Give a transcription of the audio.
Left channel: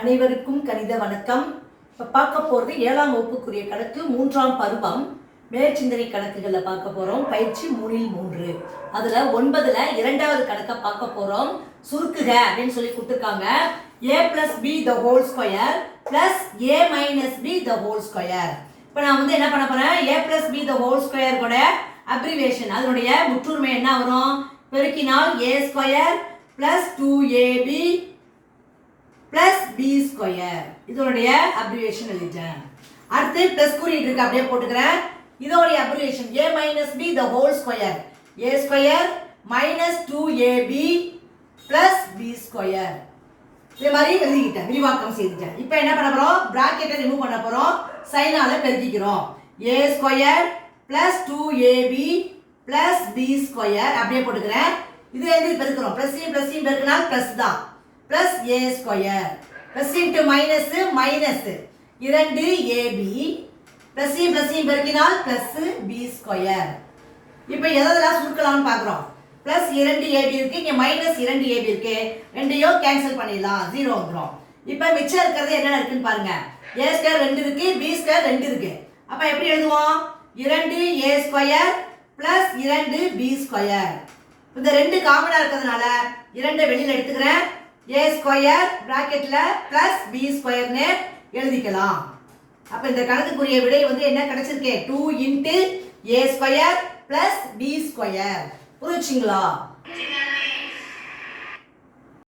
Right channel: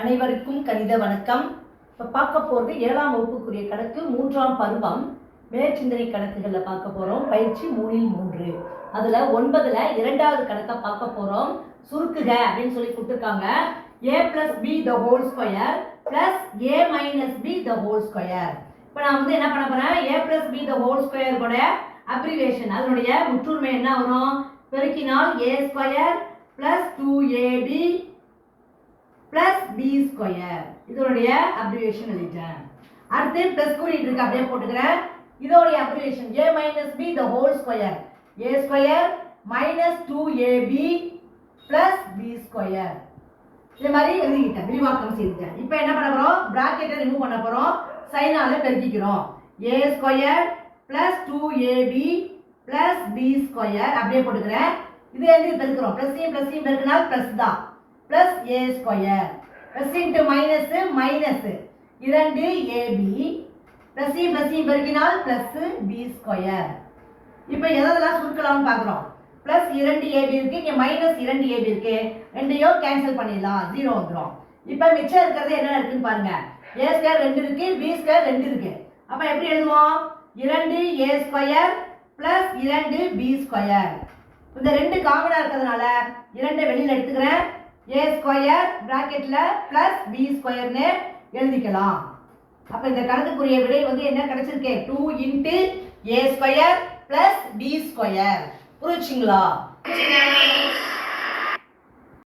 அனைவருக்கும் கணித வணக்கம். இப்போ பார்க்க போகிறது 7ஆம் வகுப்புக்குரிய கணக்கு 3ஆம் பருவம் மேற்சிந்தனை கணக்குகளில் பார்க்க போகிறோம். பயிற்சி 3 அதில் 9ல் இரண்டாவது கணக்கை பார்க்க போகிறோம். சுருக்குக அப்படின்னு சொல்லி கொடுத்துருக்காங்க. a plus b the whole square plus a minus b the whole square. இப்போ நான் வந்து என்ன பண்ண போகிறேன், a plus b the whole square கூட அப்ரிவேஷன், அதனுடைய முற்றுரிமை என்ன வரும், பெருக்கினால் a square plus 2ab plus b square. இதோடைய அப்ரிவேஷன் எழுதிட்டேன். அடுத்து பிளஸ் குறியீடு இருக்கு, அப்படியே போட்டுக்கிறேன். இதோடைய abbreviation a minus b the whole square, a square minus 2ab plus b square. இதே மாதிரி எழுதிக்கிட்டேன், விரிவாக்கம் செய்துட்டேன். இப்போ என்ன பண்ண போறோம், பிராக்கெட்டை ரிமூவ் பண்ண போறோம், சைனால பெருக்கிக்கிறோம். a square plus 2ab plus b square அப்படியே போட்டுக்கிறேன். இதுல இருந்து பெருக்குறோம், பிளஸ் பெருக்கினால் பிளஸ் தான், plus a square plus into minus minus 2ab plus பெருக்கினால் plus b square. இப்போ எதெல்லாம் சுருக்கலாம்னு பார்க்குறோம். plus 2ab இருக்கு, இங்கே minus 2ab இருக்கு, ரெண்டையும் கேன்சல் பண்ணிடலாம், 0 வந்துடும். இப்போ மிச்சம் இருக்கிறது என்ன இருக்குன்னு பாருங்க. a square 2 இருக்கு, b square 2 இருக்கு. அப்போ எப்படி எழுதுவோம், 2a square plus 2b square. இந்த ரெண்டு காமனா இருக்கிறதுனால 2 வெளியில எடுத்துக்கிறேன். a square bracketல plus b square னு எழுதிக்கலாம். அப்ப இந்த கணக்குக்குரிய விடை வந்து என்ன கிடைச்சிருக்கு, 2 into a square plus b square. புரியுதுங்களா?